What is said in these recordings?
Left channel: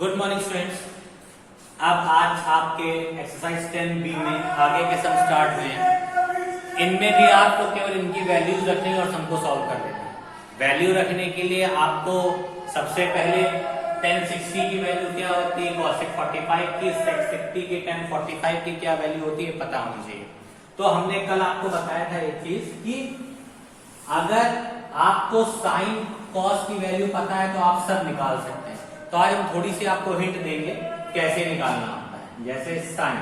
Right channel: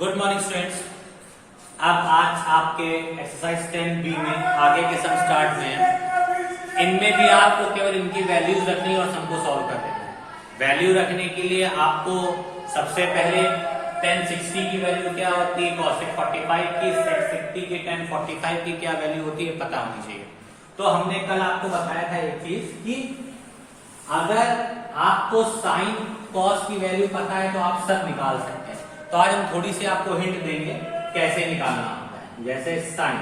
Good morning students. अब आज आपके एक्सरसाइज 10B में आगे के सम स्टार्ट हुए हैं। इनमें भी आपको केवल इनकी वैल्यूज रखनी है और सम को सॉल्व कर देना है। वैल्यू रखने के लिए आपको सबसे पहले tan 60 की वैल्यू क्या होती है, cosec 45 की, sec 60 की, tan 45 की क्या वैल्यू होती है पता होनी चाहिए। तो हमने कल आपको बताया था एक चीज कि अगर आपको साइन कॉस की वैल्यू पता है तो आप सब निकाल सकते हैं। तो आज हम थोड़ी सी आपको हिंट देंगे कैसे निकालना होता है। जैसे साइन,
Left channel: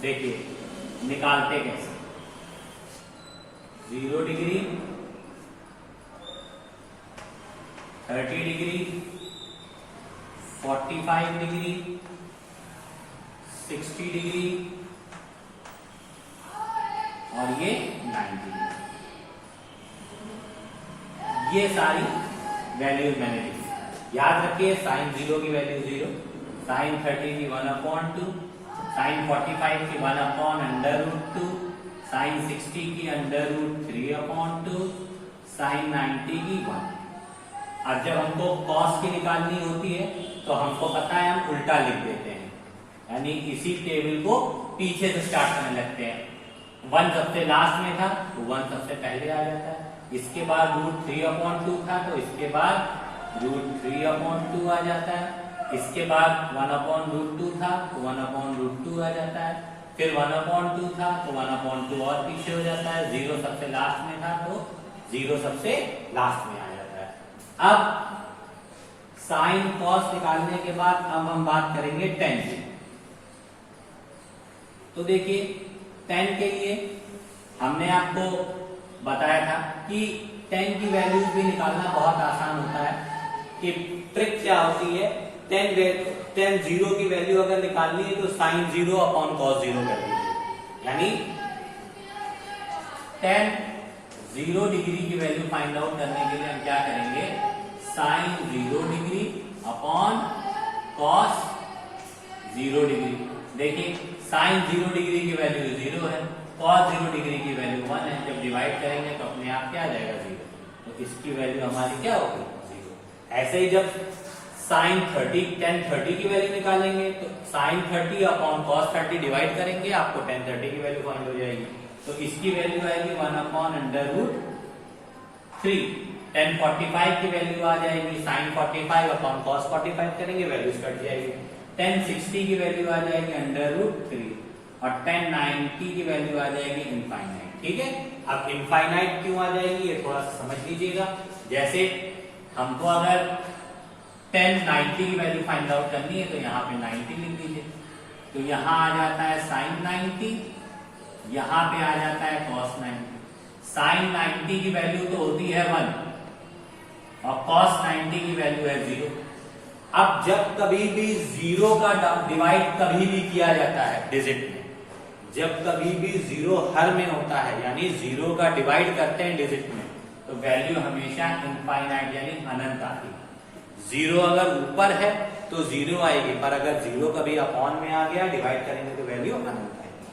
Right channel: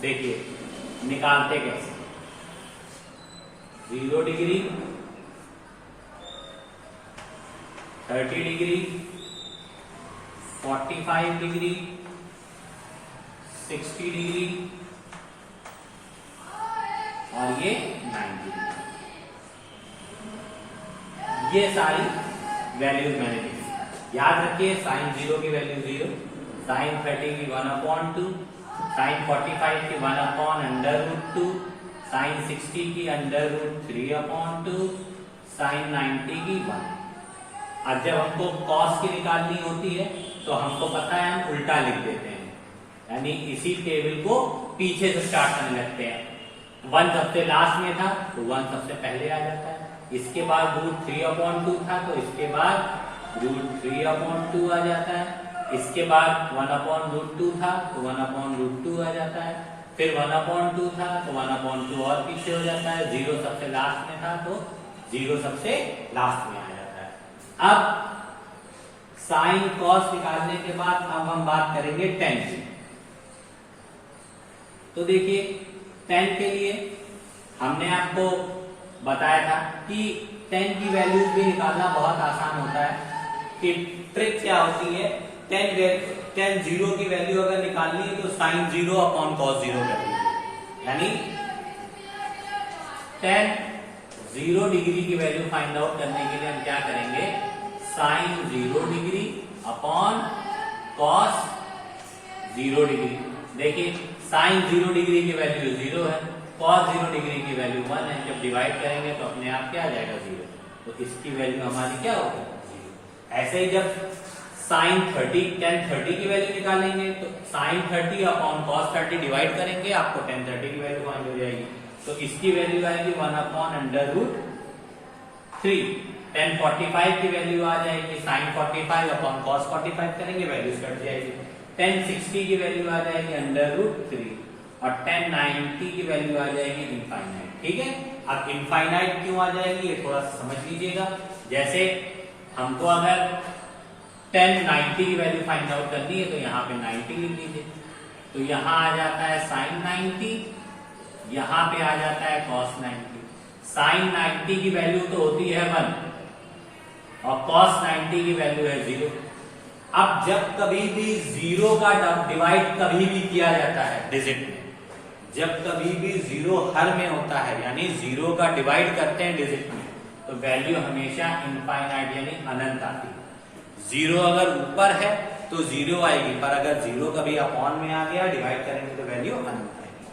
देखिए निकालते कैसे। 0 डिग्री, 30 डिग्री, 45 डिग्री, 60 डिग्री और ये 90 डिग्री। ये सारी वैल्यूज मैंने लिखी। याद रखिए साइन 0 की वैल्यू 0, साइन 30 की 1/2, साइन 45 की 1/√2, साइन 60 की √3/2, साइन 90 की 1। अब जब हमको कॉस की निकालनी होती है तो हमको पता है हम उल्टा लिख देते हैं, यानी इसी टेबल को पीछे से स्टार्ट करने लगते हैं। 1 सबसे लास्ट में था तो 1 सबसे पहले आ जाता है। इसके बाद √3/2 था तो इसके बाद √3/2 आ जाता है। इसके बाद 1/√2 था तो 1/√2 आ जाता है। फिर 1/2 था तो 1/2 और पीछे हो जाता है। 0 सबसे लास्ट में था तो 0 सबसे लास्ट में आ जाता है। अब साइन कॉस निकालने के बाद अब हम बात करेंगे tan की। तो देखिए tan के लिए हमने आपको बताया था कि tan की वैल्यूज भी निकालना बहुत आसान होता है। कि ट्रिक क्या होती है, tan 0 की वैल्यू अगर निकालनी है तो sin 0/cos 0 वैल्यू, यानी tan 0 डिग्री की वैल्यू फाइंड आउट करने के लिए हम क्या करेंगे, sin 0 degree upon cos 0 degree. देखिए sin 0 डिग्री की वैल्यू 0 है, cos 0 डिग्री की वैल्यू 1 है। जब डिवाइड करेंगे तो अपने आप क्या आ जाएगा 0, तो इसकी वैल्यू हमारी क्या होगी 0। ऐसे ही जब tan 30 की वैल्यू निकालेंगे तो sin 30 अपॉन cos 30 डिवाइड करेंगे, आपको tan 30 की वैल्यू फाइंड हो जाएगी। तो इसकी वैल्यू आएगी 1/√3। tan 45 की वैल्यू आ जाएगी sin 45 अपॉन cos 45 करेंगे, वैल्यूज कट जाएगी। tan 60 की वैल्यू आ जाएगी √3 और tan 90 की वैल्यू आ जाएगी इनफाइनाइट। ठीक है, अब इनफाइनाइट क्यों आ जाएगी ये थोड़ा सा समझ लीजिएगा। जैसे हमको अगर tan 90 की वैल्यू फाइंड आउट करनी है तो यहाँ पे 90 लिख लीजिए। तो यहाँ आ जाता है sin 90, यहाँ पे आ जाता है cos 90। sin 90 की वैल्यू तो होती है 1 और cos 90 की वैल्यू है 0। अब जब कभी भी 0 का डिवाइड कभी भी किया जाता है डिजिट में, जब कभी भी 0 हर में होता है यानी 0 का डिवाइड करते हैं डिजिट में, तो वैल्यू हमेशा इनफाइनाइट यानी अनंत आती है। 0 अगर ऊपर है तो 0 आएगी, पर अगर 0 कभी अपॉन में आ गया डिवाइड करेंगे तो वैल्यू अनंत आएगी।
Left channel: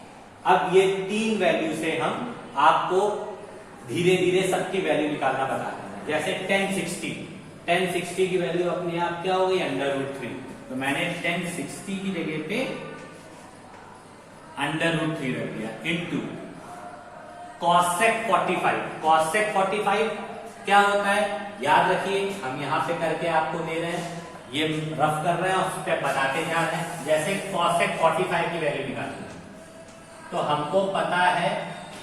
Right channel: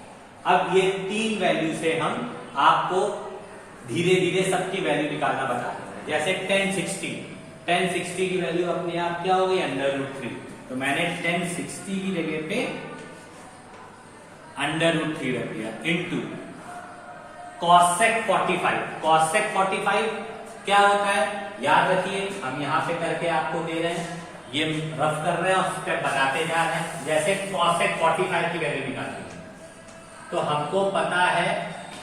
अब ये 3 वैल्यू से हम आपको धीरे धीरे सबकी वैल्यू निकालना बता रहे हैं। जैसे tan 60 की वैल्यू अपने आप क्या हो गई √3। तो मैंने tan 60 की जगह पे √3 रख दिया इंटू cosec 45। cosec 45 क्या होता है याद रखिए, हम यहां पे करके आपको दे रहे हैं, ये रफ कर रहे हैं और स्टेप बताते जा रहे हैं। जैसे cosec 45 की वैल्यू निकालनी है तो हमको पता है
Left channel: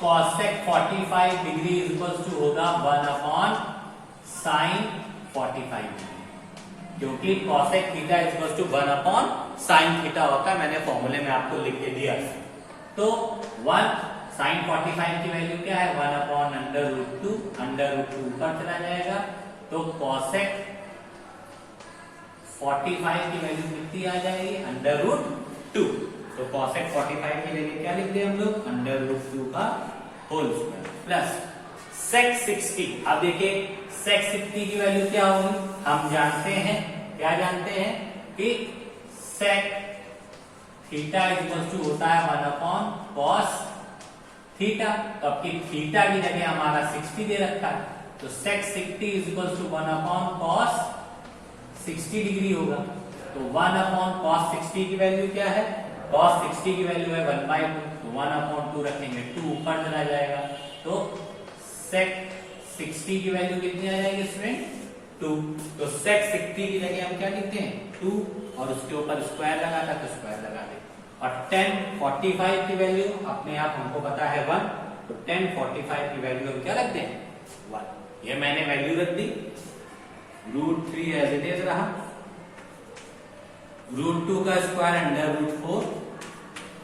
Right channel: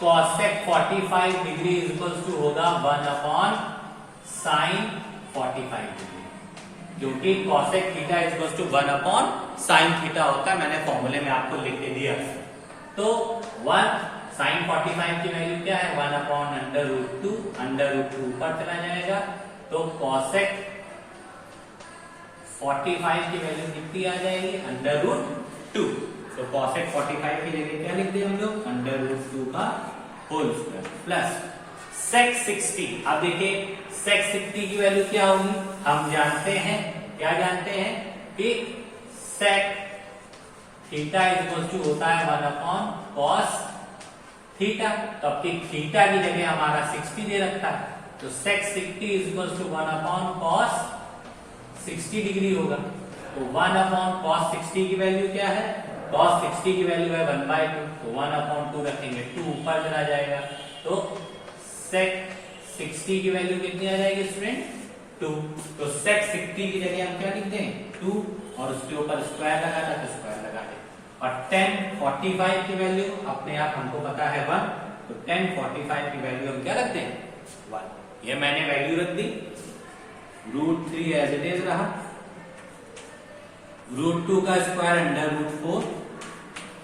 cosec 45 डिग्री इक्वल्स टू होगा 1/sin 45 डिग्री, क्योंकि cosec theta equals to 1/sin theta होता है। मैंने फॉर्मूले में आपको लिख के दिया। तो 1 sin 45 की वैल्यू क्या है 1/√2, √2 ऊपर चला जाएगा तो cosec 45 की वैल्यू कितनी आ जाएगी √2। तो cosec 45 की जगह क्या लिखते हैं हम लोग √2 का होल स्क्वायर प्लस sec 60। अब देखिए sec 60 की वैल्यू क्या होगी, हम जानते हैं, क्या जानते हैं कि sec थीटा इक्वल टू होता है 1/cos थीटा। तो अब थीटा की जगह हमारा 60 दे रखा है, तो sec 60 is equal to 1 upon cos 60 degree होगा। तो 1 अपॉन cos 60 की वैल्यू क्या है? cos 60 की वैल्यू है 1/2, तो 1 अपॉन 2 रखेंगे, 2 ऊपर चला जाएगा, तो sec 60 की वैल्यू कितनी आ जाएगी स्टूडेंट? 2। तो sec 60 की जगह हम क्या लिखते हैं? 2, और उसके ऊपर स्क्वायर लगा था तो स्क्वायर लगा दे। और tan 45 की वैल्यू अपने आप हमको पता है 1, तो tan 45 की वैल्यू हम क्या रखते हैं? 1। ये मैंने वैल्यू रख दी, √3 एज इट इज रहा, √2 का स्क्वायर अंडर √4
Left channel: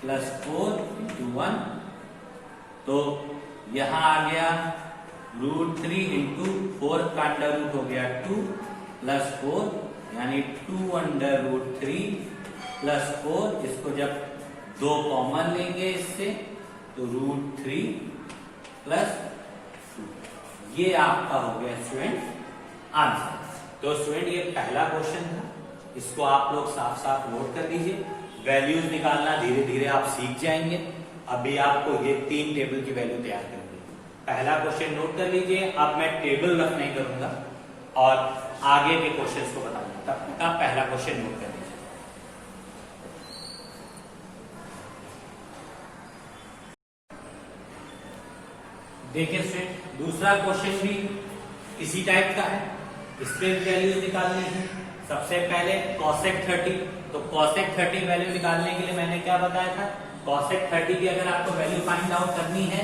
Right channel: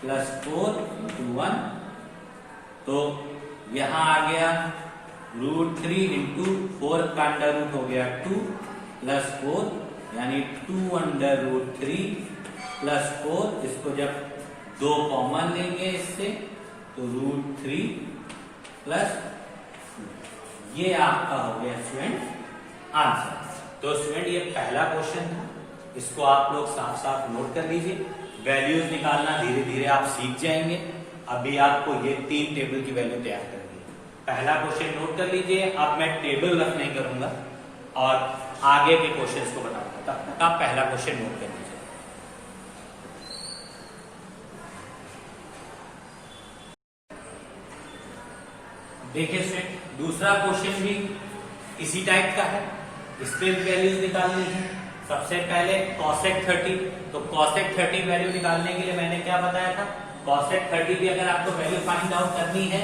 प्लस 4 इंटू 1, तो यहां आ गया √3 इंटू 4 का अंडर रूट हो गया 2 प्लस 4, यानी 2 अंडर √3 प्लस 4। इसको जब 2 कॉमन लेंगे इससे तो √3 प्लस 2, ये आपका हो गया स्टूडेंट आंसर। तो स्टूडेंट ये पहला क्वेश्चन था, इसको आप लोग साफ साफ नोट कर लीजिए। वैल्यूज निकालना धीरे धीरे आप सीख जाएंगे। अभी आपको ये 3 टेबल की वैल्यू तैयार करनी है। पहला क्वेश्चन नोट कर लीजिए। अब मैं टेबल रख नहीं करूंगा और आगे के क्वेश्चंस को बताऊंगा, तब तक आप पहला क्वेश्चन नोट कर लीजिए। देखिए स्टूडेंट, दूसरा क्वेश्चन भी इसी टाइप का है। इसके वैल्यूज निकालनी है। सबसे पहले cosec 30, तो cosec 30 वैल्यू निकालने के लिए मैंने क्या बताया था? cosec 30 की अगर आपको वैल्यू फाइंड आउट करनी है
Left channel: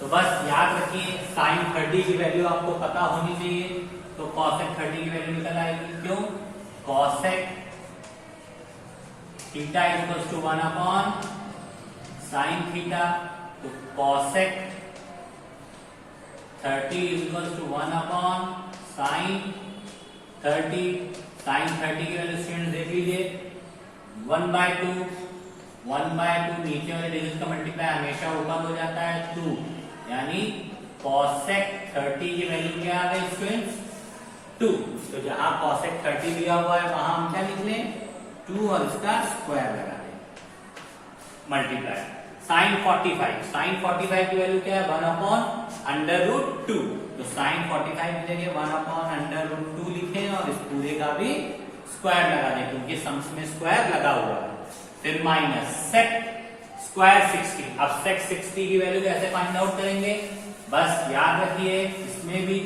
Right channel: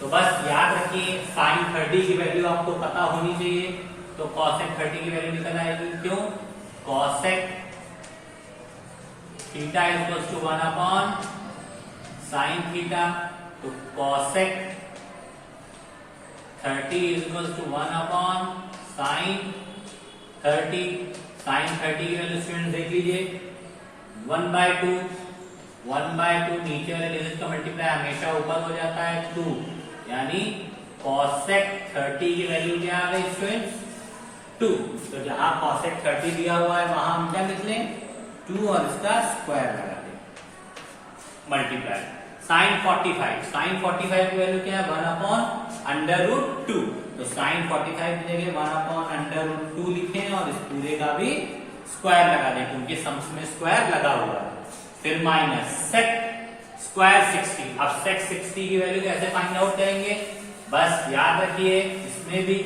तो बस याद रखिए sin 30 की वैल्यू आपको पता होनी चाहिए। तो cosec 30 की वैल्यू निकल आएगी। क्यों? cosec theta equals to 1 upon sin theta, तो cosec 30 is equals to 1 upon sin 30। sin 30 की वैल्यू स्टूडेंट देख लीजिए, 1/2, 1/2 नीचे वाले डिजिट का मल्टीप्लाई हमेशा ऊपर हो जाता है 2, यानी cosec 30 की वैल्यू क्या आ गई स्टूडेंट? 2। तो जहां cosec 30 दिया हुआ है वहां हम क्या लिख लें? 2 और इसका स्क्वायर लगा दें, मल्टीप्लाई। sin 45 की वैल्यू क्या है? 1 अपॉन अंडर रूट 2। तो sin 45 की जगह 1 अपॉन अंडर रूट 2 लिखें और इस पूरे का भी स्क्वायर लगा दें, क्योंकि सम्स में स्क्वायर लगा हुआ है। फिर माइनस sec स्क्वायर 60। अब sec 60 की वैल्यू कैसे फाइंड आउट करेंगे? बस याद रखिए इसमें भी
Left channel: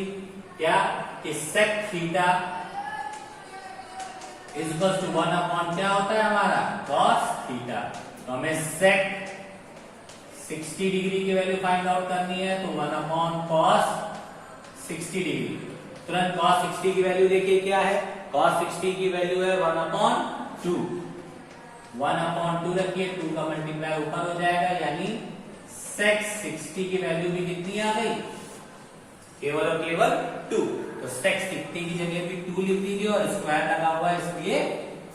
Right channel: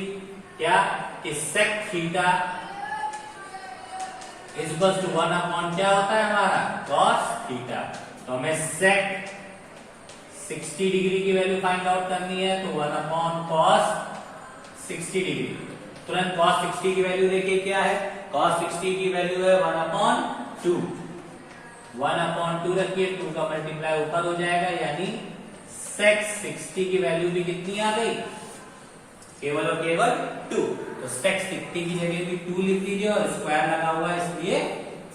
क्या कि sec theta is equal to 1 upon क्या होता है हमारा? cos theta. तो हमें sec 60 डिग्री की वैल्यू फाइंड आउट करनी है, तो 1 अपॉन cos 60 डिग्री। तुरंत cos 60 की वैल्यू देखिए क्या है? cos 60 की वैल्यू है 1 अपॉन 2। 1 अपॉन 2 रखिए, 2 का मल्टीप्लाई ऊपर हो जाएगा, यानी sec 60 की वैल्यू भी कितनी आ गई? केवल और केवल 2। तो sec 60 की जगह भी 2 लिख दीजिए और स्क्वायर लगा हुआ है, इसलिए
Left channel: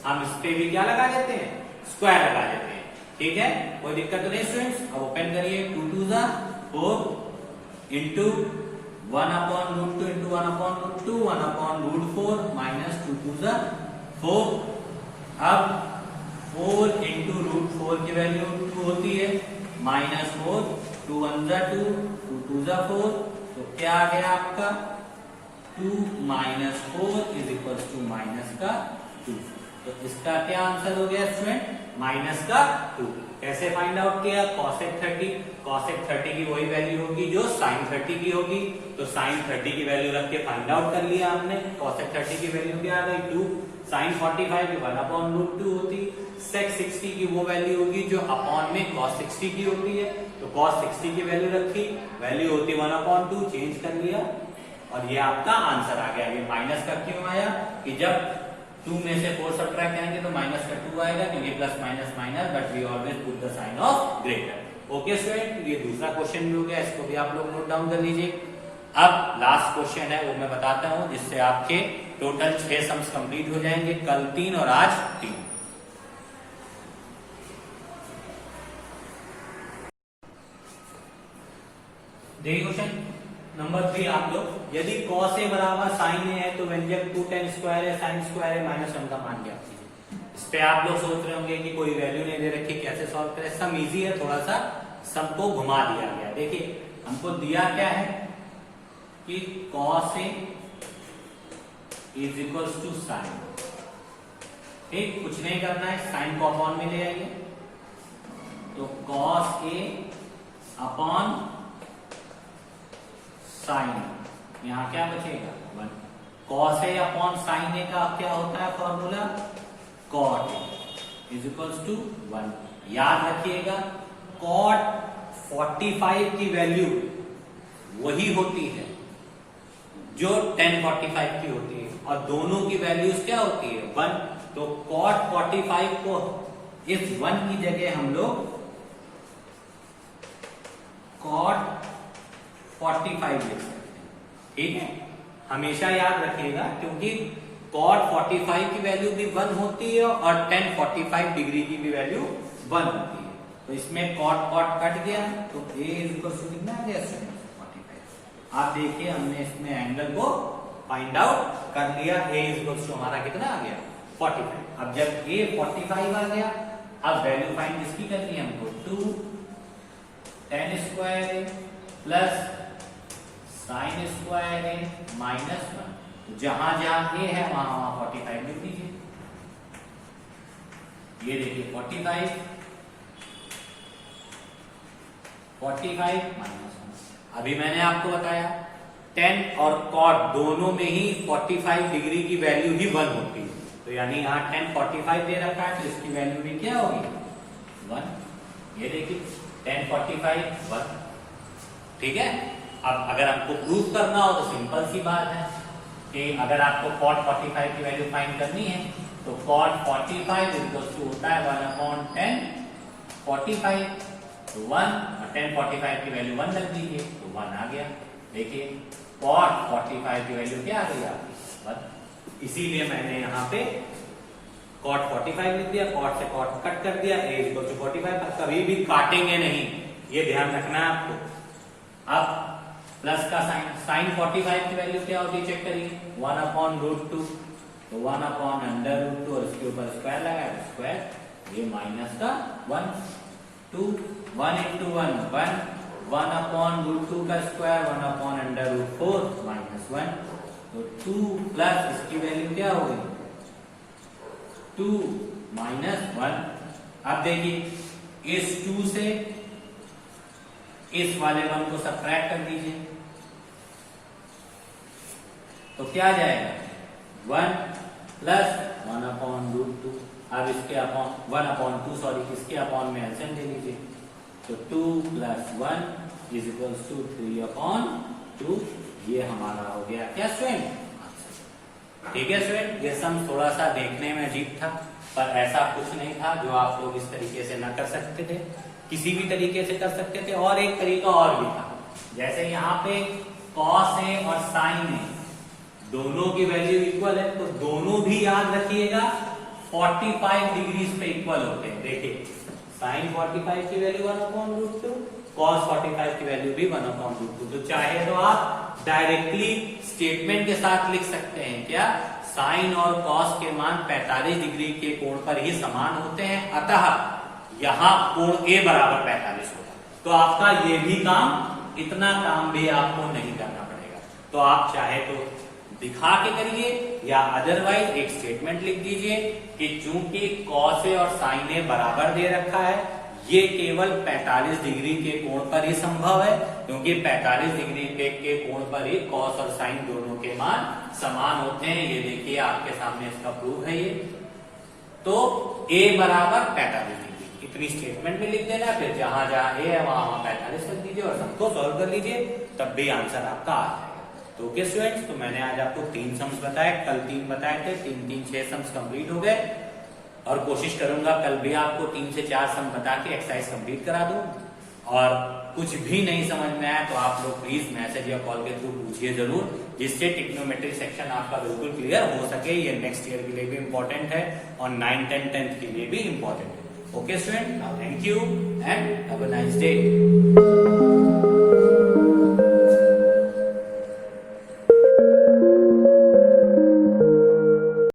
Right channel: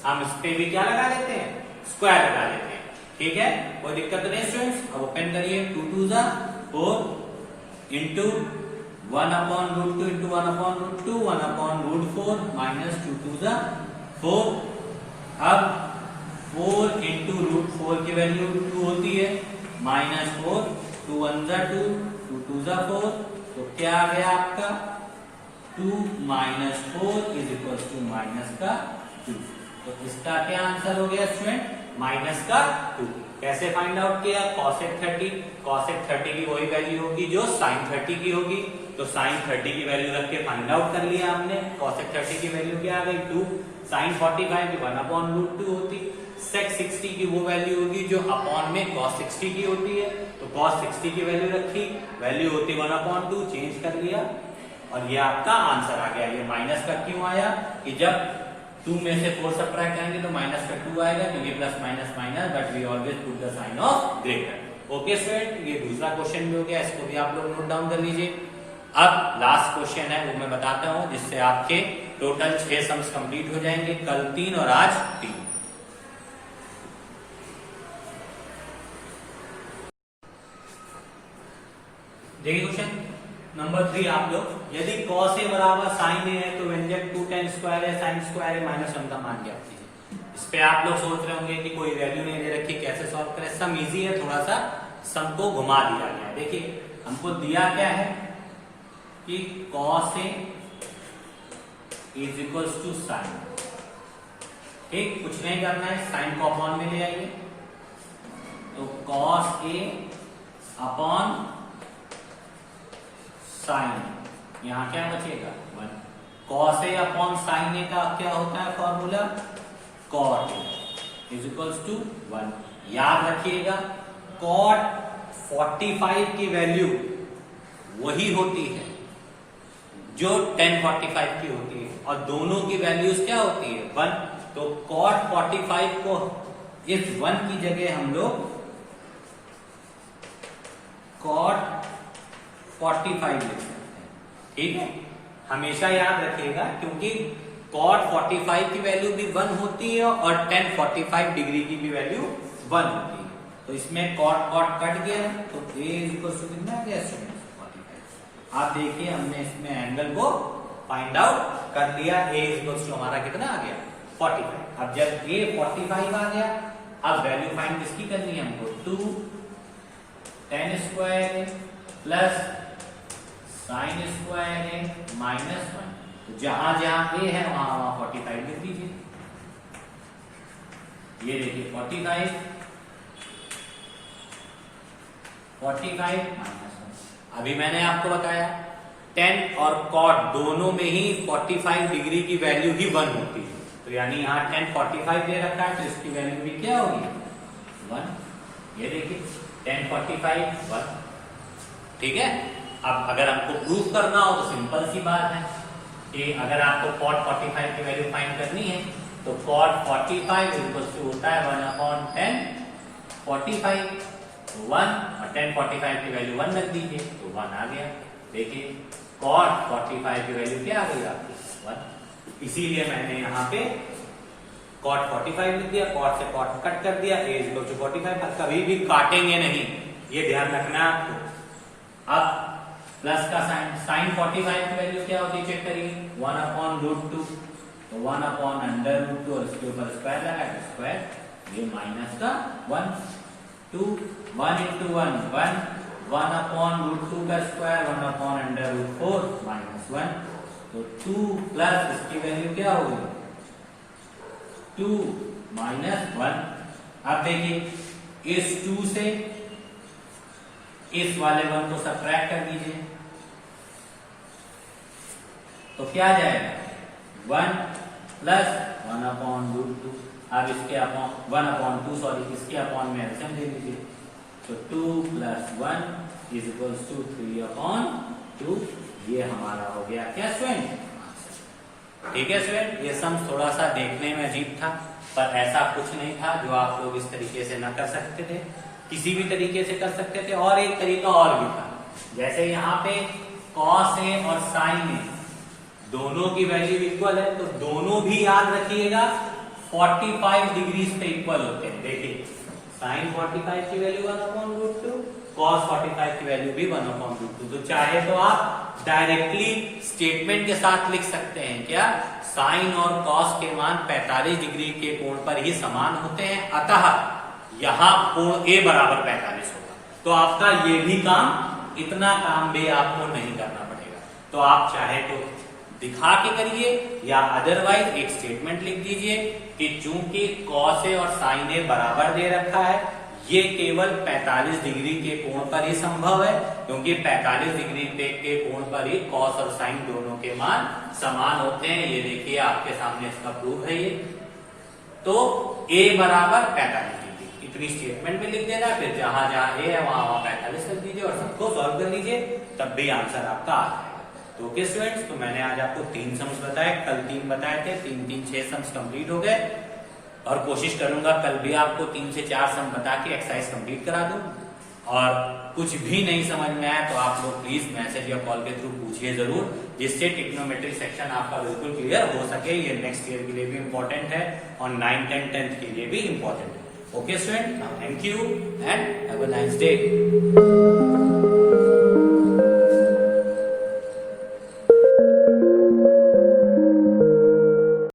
हम इस पे भी क्या लगा देते हैं? स्क्वायर लगा देते हैं। ठीक है, कोई दिक्कत नहीं स्टूडेंट्स। अब ओपन करिए, 2 2 जा 4 into 1 upon root 2 into 1 upon root 2, 1 upon root 4 minus 2 2 जा 4। अब 4 इंटू रूट 4 की वैल्यू 2 होती है, माइनस 4, 2 1 जा 2, 2 2 जा 4, तो क्या आ गया आपका? 2 minus 4 is equal to minus का 2। तो इसका क्या आंसर हो गया स्टूडेंट? माइनस का 2। कैसे फाइंड आउट किया? cosec 30 की वही वैल्यू होगी जो sin 30 की होगी, तो sin 30 की वैल्यू रख के फाइंड आउट कर लिया हमने। cosec 30 की वैल्यू क्या आ गई? 2। sin 45 की 1 अपॉन रूट 2 होती। sec 60 की वो वैल्यू होगी जो अपॉन में cos 60 की होती है, तो cos 60 की वैल्यू रखी, वैल्यू होती 1 अपॉन 2, चेंज कर लिया और ये आपका आंसर आ गया। ये माइनस का क्यों आया? कि जब 2 में से 4 सब्ट्रैक्ट करेंगे तो माइनस का 2 आएगा, क्योंकि plus minus minus, but we always put the sign of greater. Okay student, ये दूसरा क्वेश्चन भी हो गया, इसको भी आप लोग नोट डाउन कर लीजिए। अब लास्ट क्वेश्चन है वो मैं बताता हूं, जिससे आपके टोटल 6 सम्स कंप्लीट हो जाएंगे, कल 3 और आज 3। देखिए क्वेश्चन नंबर 3 आप लोग, यदि cos a बराबर sin a है तो व्यंजक 2 tan स्क्वायर है sin स्क्वायर है माइनस 1 का मान ज्ञात। इस पे आप लोग सोच रहे होंगे कि कोई वैल्यू नहीं दे रखी, कैसे सॉल्व करें? सम इजी है, थोड़ा सा सम को घुमा दिया गया है। देखिए हमको दिया क्या है कि cos A is equals to sine. ठीक, कुछ नहीं करना है, साइन को अपॉन में ले जाइए, तो cos A अपॉन साइन, यहां क्या बचेगा 1। cos A upon sine A का क्या होता है formula, cot A is equals to 1। याद रखिएगा cot 45 की वैल्यू वही होती है जो tan 45 की होती है, और दोनों की वैल्यूज क्या होती है 1। तो cot 45 को इस 1 की जगह हम लोग cot 45 लिख सकते हैं। ठीक है, हमेशा याद रखिएगा, क्योंकि cot 45 की वैल्यू भी 1 होती है और tan 45 डिग्री की भी वैल्यू 1 होती है। तो इसमें cot कट गया, तो a इक्वल टू कितना आ गया 45। आप देखिए हमने इसमें एंगल को फाइंड आउट कर लिया, a इक्वल टू हमारा कितना आ गया 45। अब जब a 45 आ गया, अब वैल्यू फाइंड किसकी करनी है हमको, 2 tan square plus sine square है माइनस 1। तो जहां जहां a है वहां 45 लिख दीजिए। ये देखिए 45 माइनस 1। अभी मैंने आपको बताया tan और cot दोनों में ही 45 डिग्री की वैल्यू ही 1 होती है, तो यानी यहाँ tan 45 दे रखा है, तो इसकी वैल्यू भी क्या होगी 1। ये देखिए tan 45 1। ठीक है, अब अगर हमको प्रूफ करना हो तो सिंपल सी बात है कि अगर आपको cot 45 की वैल्यू फाइंड करनी है, तो cot 45 इक्वल्स टू होता है 1 अपॉन tan 45, 1 और tan 45 की वैल्यू 1 रख दीजिए, तो 1 आ गया। देखिए cot 45 की वैल्यू क्या आ गई आपकी 1। इसीलिए मैंने यहाँ पे cot 45 लिख दिया, cot से cot कट कर दिया, a इक्वल टू 45। कभी भी काटेंगे नहीं, ये ध्यान रखना है आपको। अब प्लस का साइन 45 की वैल्यू क्या होती है चेक करिए, 1 अपॉन √2, तो 1 अपॉन √2 और इसके ऊपर स्क्वायर लगाया तो स्क्वायर, ये माइनस का 1, 2 1 into 1 1, 1 अपॉन √2 का स्क्वायर 1 अपॉन √4 माइनस 1, तो 2 प्लस इसकी वैल्यू क्या होगी 2 माइनस 1। अब देखिए इस 2 से इस वाले 1 को सब्ट्रैक्ट कर दीजिए, तो क्या आ जाएगा 1 प्लस 1 अपॉन √2। अब इसके अपॉन 1 अपॉन 2 सॉरी इसके अपॉन में एलसीएम ले लीजिए, तो 2 plus 1 is equals to 3 upon 2। ये हमारा हो गया क्या स्टूडेंट, ठीक है स्टूडेंट। ये सम थोड़ा सा देखने में अजीब था, पर ऐसा कुछ नहीं था जो आप लोग इस तरीके से ना कर सकते थे, किसी भी तरीके से कर सकते थे। और एक तरीका और भी था, जैसे यहाँ पे cos A और sin A दोनों की वैल्यू इक्वल है, तो दोनों भी याद रखिएगा 45 डिग्री पे इक्वल होते हैं। देखिए sin 45 की वैल्यू 1 अपॉन √2, cos 45 की वैल्यू भी 1 अपॉन √2। तो चाहे तो आप डायरेक्टली स्टेटमेंट के साथ लिख सकते हैं क्या, sin और cos के मान 45 डिग्री के कोण पर ही समान होते हैं, अतः यहाँ कोण A बराबर 45 होगा। तो आपका ये भी काम, इतना काम भी आपको नहीं करना पड़ेगा। तो आप चाहे तो दिखा के करिए या अदरवाइज एक स्टेटमेंट लिख दीजिए कि चूंकि cos A और sin A बराबर दे रखा है, ये केवल 45 डिग्री के कोण पर ही संभव है, क्योंकि 45 डिग्री के कोण पर ही cos और sin दोनों के मान समान होते हैं। ये देखिए आपके सामने इसका प्रूफ है ये। तो A बराबर 45 डिग्री, इतनी स्टेटमेंट में लिख देना, फिर जहां जहां A है वहां 45 कर दीजिए और सबको सॉल्व कर लीजिए, तब भी आंसर आपका आ जाएगा। तो ओके स्टूडेंट्स, तो मैंने आज आपको 3 सम्स बताए, कल 3 बताए थे, 3 3 6 सम्स कंप्लीट हो गए, और कोशिश करूंगा कल भी आपको 3 से 4 सम बता के एक्सरसाइज कंप्लीट करा दूं। और कुछ भी नहीं समझ में आया तो आप लोग प्लीज मैसेज या कॉल के थ्रू पूछिए जरूर, जिससे टिग्नोमेट्री सेक्शन आपका बिल्कुल क्लियर हो सके। ये नेक्स्ट ईयर के लिए भी इंपॉर्टेंट है और 9, 10, 10th के लिए भी इंपॉर्टेंट है। Okay student, thank you and have a nice day.